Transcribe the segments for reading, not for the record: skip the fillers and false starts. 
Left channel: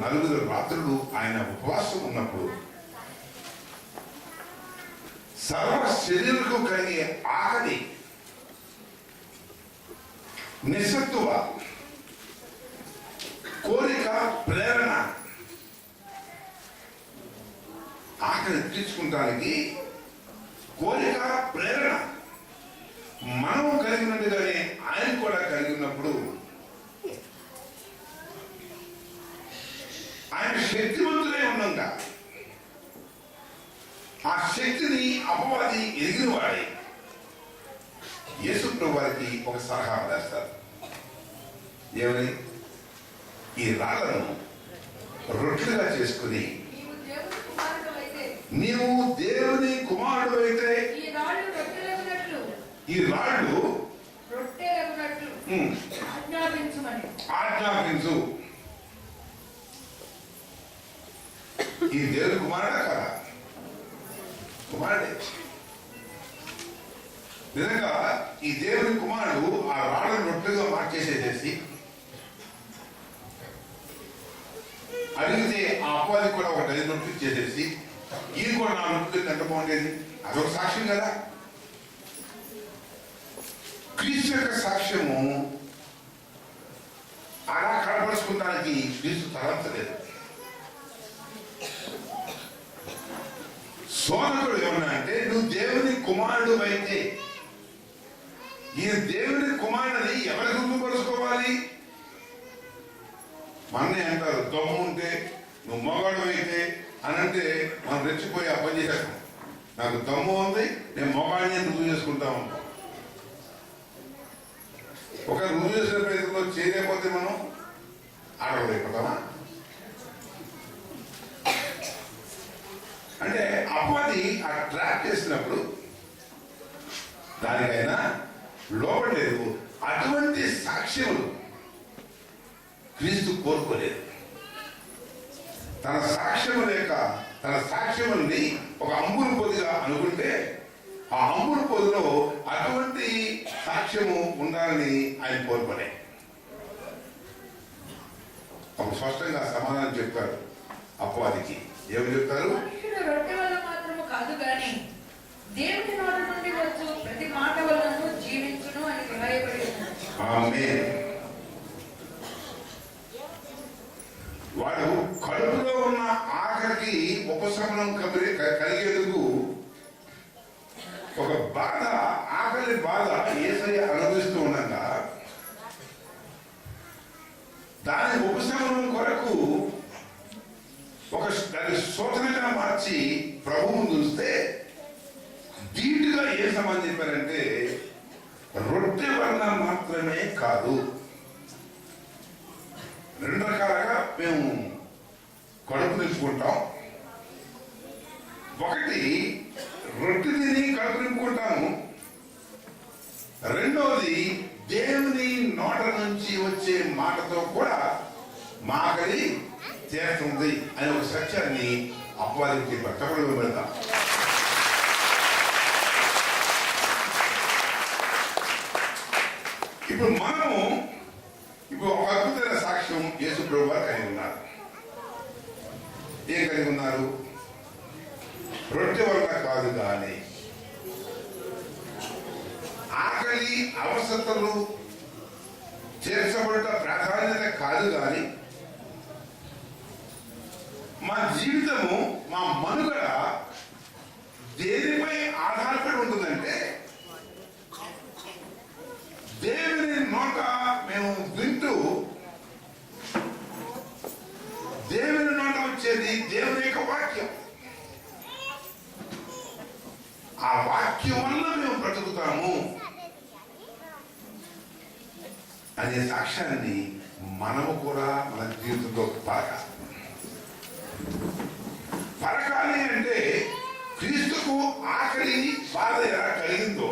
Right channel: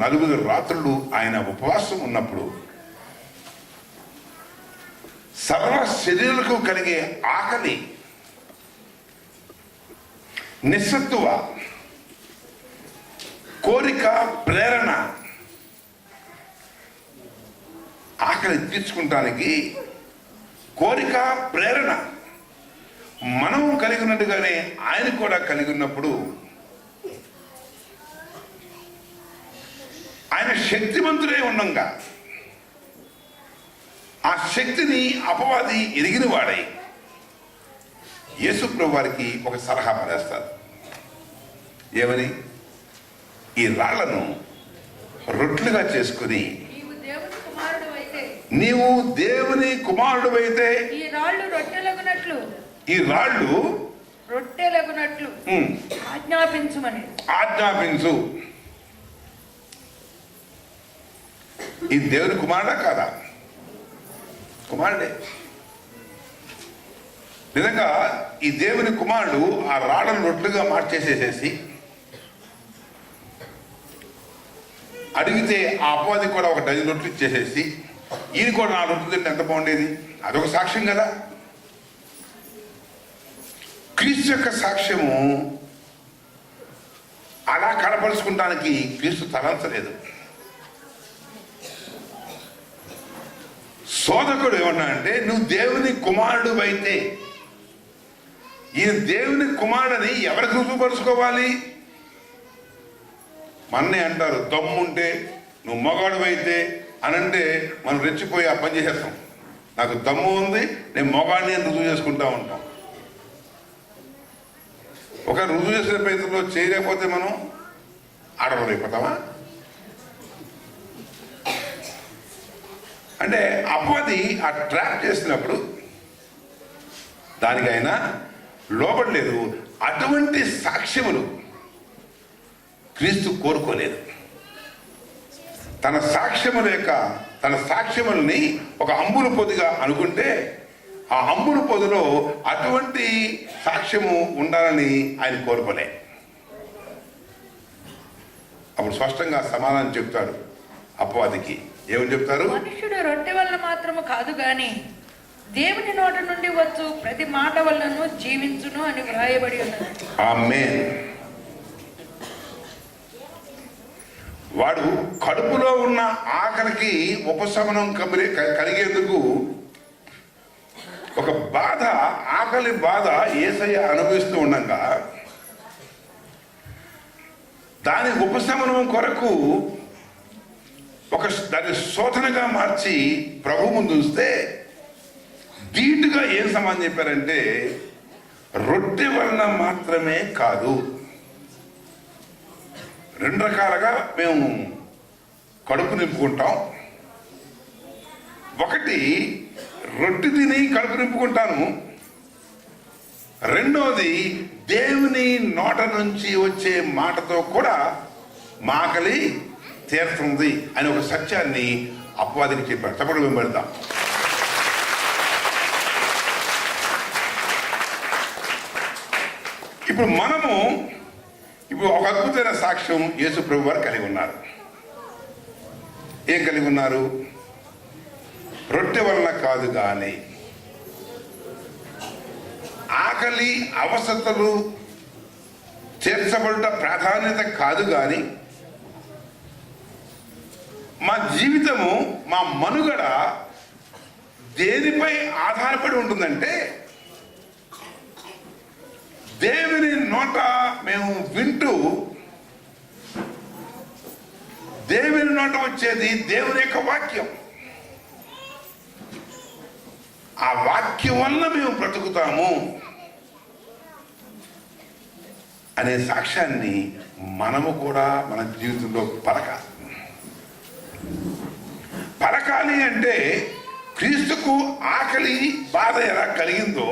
4 రాత్రులు ఆయన ఉపవాసం ఉన్నప్పుడు సర్వ శరీరకు కలిగే ఆకలి, నిస్సత్తువ, కోరిక, ప్రేరణ, ఆకలి తీర్చుకుంటానికి కోరిక, ప్రేరణ మనం కలిగి ఉన్నట్టుగానే ఆయన కూడా కలిగి ఉన్నప్పుడు ఆయన శక్తివంతులై ఉండంగా ఆ శక్తిని అపవాది ఎరిగిన వాడై యేసు ప్రభు వారికి ఒక సలహా పడేస్తారు. ఏమని? ఈ రాళ్లను రొట్టెలుగా చేసుకుని నీవు దేవుని కుమారుడు అయితే ఈ రాళ్ళు రొట్టెలగునట్లు ఆజ్ఞాపించు. ఈ దేవుని కుమారుడా కాదా? కుమారుడే. నిజంగా ఈ దేవుని కుమారుడు ఆ రాళ్ళను రొట్టెలుగా మార్చేసేసేసి అడిగితే ఆ అపవాది కూడా ఒక 10 రొట్టెలు ఇచ్చేసేసి ఈయన కూడా 4 రొట్టెలు తింటే ఎంత బాగుండేది? అదొక సాక్ష్యం కదా. క్రీస్తు యొక్క సాక్ష్యము అలా కనపరుచుకుంటానికి క్రీస్తు తలంచలేదు. శోధకుడు ఏమన్నా అంటే, నువ్వు దేవుని కుమారుడు అయితే, ఈయన దేవుని కుమారుడని ఎవరికి రుజువుపరుచుకోవాలి? మన్నే అంటారు, దమ్ముంటే నువ్వు మగాడు అయితే అని అంటే మనం రెచ్చిపోయి ఆ పని చేసేస్తాం. నాకు దమ్ము ఉంది, నేను మగాడిని అని రుజువు చేసుకుంటా ఉంటాం. ఒక రుజువు చేసిన ప్రయత్నంలో చేయలేకపోతే మనం ఆడవలేకపోతామా? అంటే అపవాది ఆ ట్రాప్ చేసినప్పుడు దానికి ఆయన లోపడలేదు. అటువంటి సాక్ష్యములు క్రీస్తు కోరుకోలేదు. తన సాక్ష్యముల్ని ఒక అంబుల పొదిగా అనుకుంటే ఆ అంబుల పొదిలో అటువంటి సాక్ష్యము ఉండాలని ఆయన కోరుకోలే. అప్పుడు స్పష్టంగా సమాధానం చెప్తాడు అపవాదికి. ఏమని చెప్తారు? మనుషుడు రొట్టె వల్ల మాత్రము కాదు గాని దేవుని నోటి నుండి వచ్చు ప్రతి మాట వల్లను జీవించును అని వ్రాయబడి ఉన్నది. ఆమేన్. వాడు కడుపులో ఉన్న ఆకలికి ఉపశమనం కలిగేందుకు ఒక బాధ, ఆకలి బాధ యేసయ్య అనుభవిస్తూ ఉండగా దాని ఉపశమనం కొరకు దాన్ని శోధనగా మార్చి ప్రభు ముందు చూస్తే ధీటుగా ఏం సమాధానం చెప్పారంటే, రొట్టె వలన మాత్రమే కాదు. 2 రకాలుగా మేము కడుపు నింపుకుంటాం. ఒకటి, రొట్టె తిని కడుపు నింపుకుంటాను. రెండవది, దేవుని నోట నుంచి వచ్చే మాటతో కూడా మాకలి తీరుతుంది అనే ఒక సత్యాన్ని అపవాదికి చెప్పారు. తప్పుడు వెంబడతాం. ఇప్పుడు ఒక అద్భుతమైన సాక్ష్యం యేసు ప్రభు వారు కలిగి ఉన్నారు. ఏం కలిగి ఉన్నారు? రొట్టె వల్ల కాదు కానీ, ఆకలి అవసరతలు తీర్చబడుట ప్రాధాన్యత కాదు కానీ, మా జీవితము, మా మనుగడ దేనిపై ఆధారపడి ఉంటుందంటే, దేవుని నోట మేము వింటూ, దేవుని నోట వచ్చేది దేవుని యొక్క వాక్యం. ఆ వాక్యం వల్ల మేము బ్రతుకుతాము అనే సాక్ష్యాన్ని మనము కూడా మన జీవితంలో పలకాలి అంటే, క్రీస్తుకు ఆకలి బాధ ఎలా కలిగిందో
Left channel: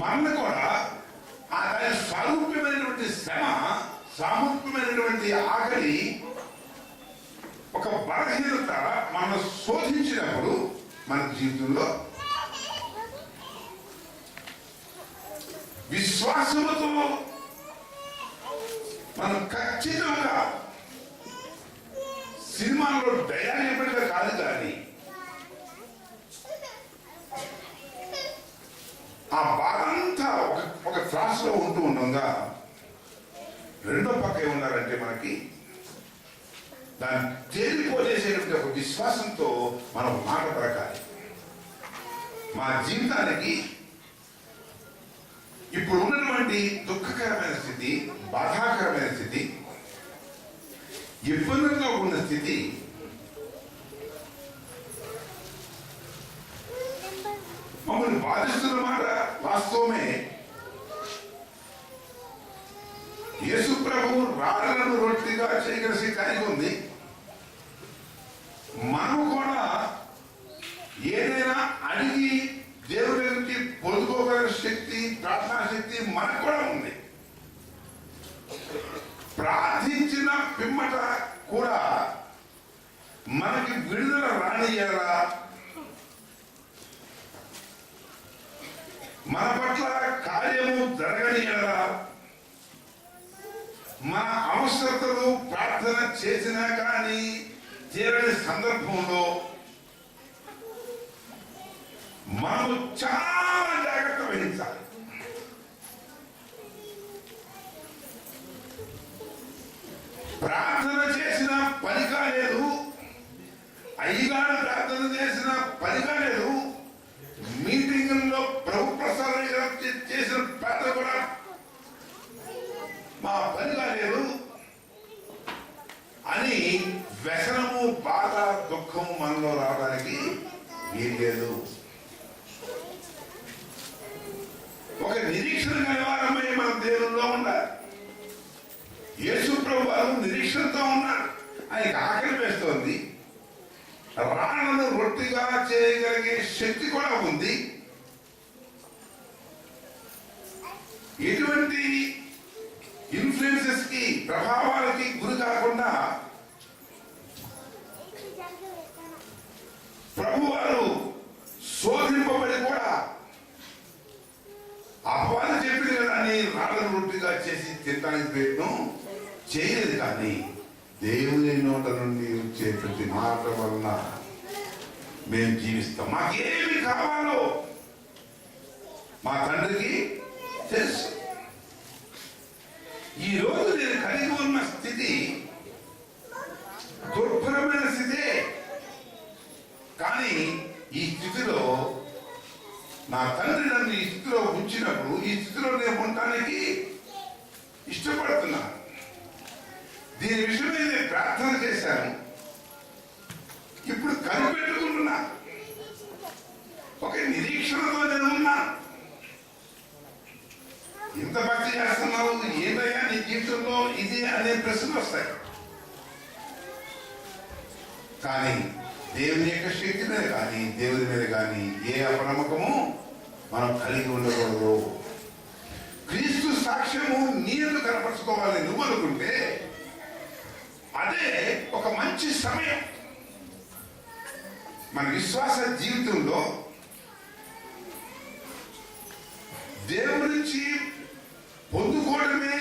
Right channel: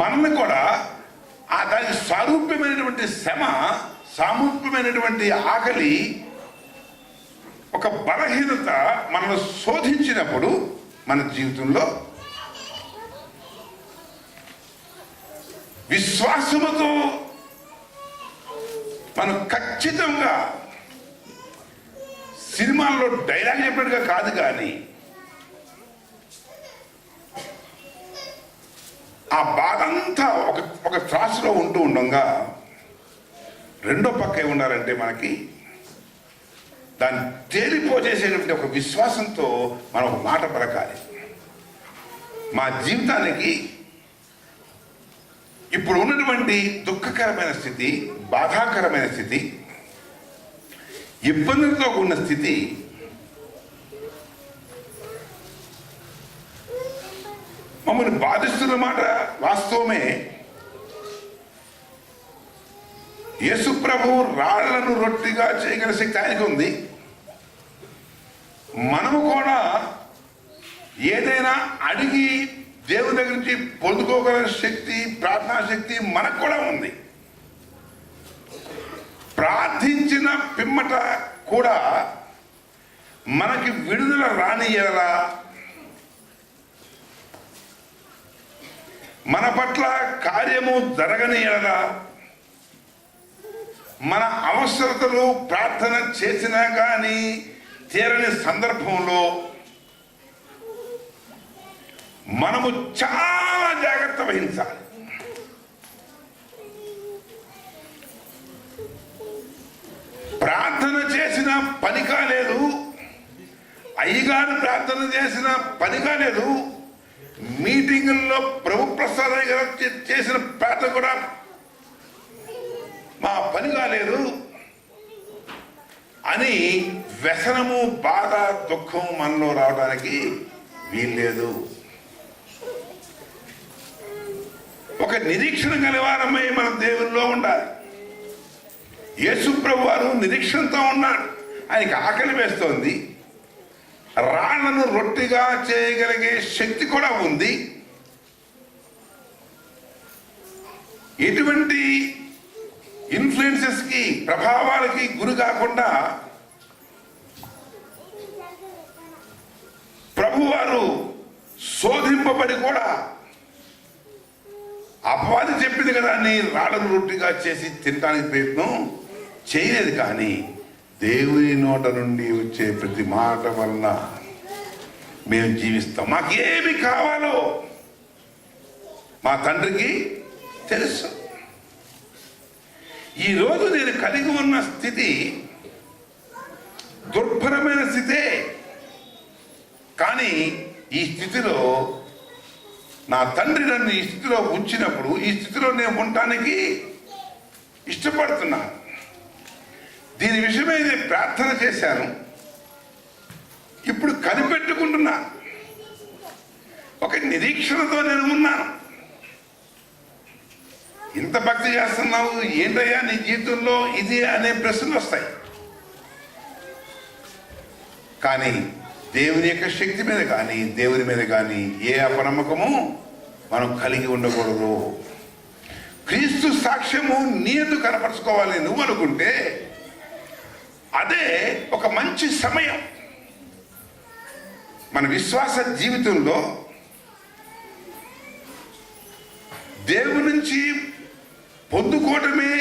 మనల్ని కూడా దాని స్వరూప్యమైనటువంటి శ్రమ, సామూప్యమైనటువంటి ఆకలి, ఒక బలహీనత మనల్ని శోధించినప్పుడు మన జీవితంలో విశ్వాసముతో మనం ఖచ్చితంగా సినిమాల్లో డైలాగ్ చెప్పినట్టుగా కాదు, కానీ ఆ బాధ అంతా ఒక త్రాసులో ఉంటూ ఉండగా రెండో పక్క ఏమున్నారంటే మనకి దాన్ని తేలిపోజేసేటువంటి ఒక విశ్వాసంతో మనం ఒక మాట పలకాలి. మా జీవితానికి ఇప్పుడు ఉన్నటువంటి దుఃఖకరమైన స్థితి, బాధాకరమైన స్థితి, ఇబ్బందులతో ఉన్న స్థితి మమ్మల్ని బాధిస్తున్న మాట వాస్తవమే. యేసు ప్రభువు రాళ్లను రొట్టిగా చేయగల శక్తి ఆయనకు ఉంది. మనము కూడా ఏదైనా అడిగి దేవుని దగ్గర నుంచి పొందుకోగల శక్తి, ప్రార్థనా శక్తి మనకు కూడా ఉంది. ప్రార్థించిన పిమ్మట కూడా మనకి విడుదల రానియరా, మన పట్ల కార్యము జరగనియరా, మన అవసరతలు ప్రార్థన చేసినా కానీ తీరని సందర్భంలో మనము చాలా జాగ్రత్త వహించాలి. ప్రార్థన చేసిన పని కాలేదు, అయ్యగారు ప్రార్థన చేసిన పని కాలేదు, మీటింగుల్లో ప్రభు ప్రసాద్ గారు చేసిన ప్రార్థన కూడా మా పని కాలేదు అని వ్యసనము, బాధ, దుఃఖం మనలో రావడానికి వీల్లేదు. ఒక నిరీక్షణ గలవారమై మన దేవుల్లో ఉండాలి. యేసు ప్రభు వారు నిరీక్షణతో ఉన్నాడు. ఆయనకి ఆకలి వేస్తోంది, రాళ్లను రొట్టిగా చేయగలిగే శక్తి కూడా ఉంది. ఎటువంటి ఇన్ఫ్లుయెన్సెస్ కి, ప్రభావాలకి గురి కాకుండా ప్రభువారు శోధింపబడి కూడా అపవాది చెప్పింది కదా అని రాళ్ళను రొట్టిగా చేసి తినడానికి ప్రయత్నం చేయలేదు. కానీ దేవుని నోట నుండి వచ్చే ప్రతి మాట వల్ల మేము జీవిస్తాం. మాకేమి కావాలో మా తండ్రికి తెలుసు. ఈరోజు నేను కలిగి ఉన్న స్థితి దుర్భరమైన స్థితే, కానీ ఈ స్థితిలో నా తండ్రి నన్ను ఈ స్థితిలో ఉంచినప్పుడు ఈ స్థితిలో నేను ఉండటానికి ఇష్టపడుతున్నాను. దీని విషయమై నేను ప్రార్థన చేశాను, ఇప్పుడు కనిపెట్టుకుంటున్నా. ఒక నిరీక్షణతో నేను ఉన్నాను. ఇంత భక్తి చేస్తున్నావు, ఏంటయ్యా నీ జీవితంలో ఇది అనే ప్రశ్నలు వస్తాయి. కానీ దేవుని యొక్క శక్తి మీద కానీ, దేవుని మీద కానీ ఏ అపనమ్మకము మనం కలిగి ఉండకూడదు. క్రీస్తు సాక్ష్యము నీరు కనపరుచుకోవాలని నువ్వు అనుకుంటే అదే ఒక మంచి సమయం. మన విశ్వాస జీవితంలో దేవుడి నుంచి పొందుకోవటమే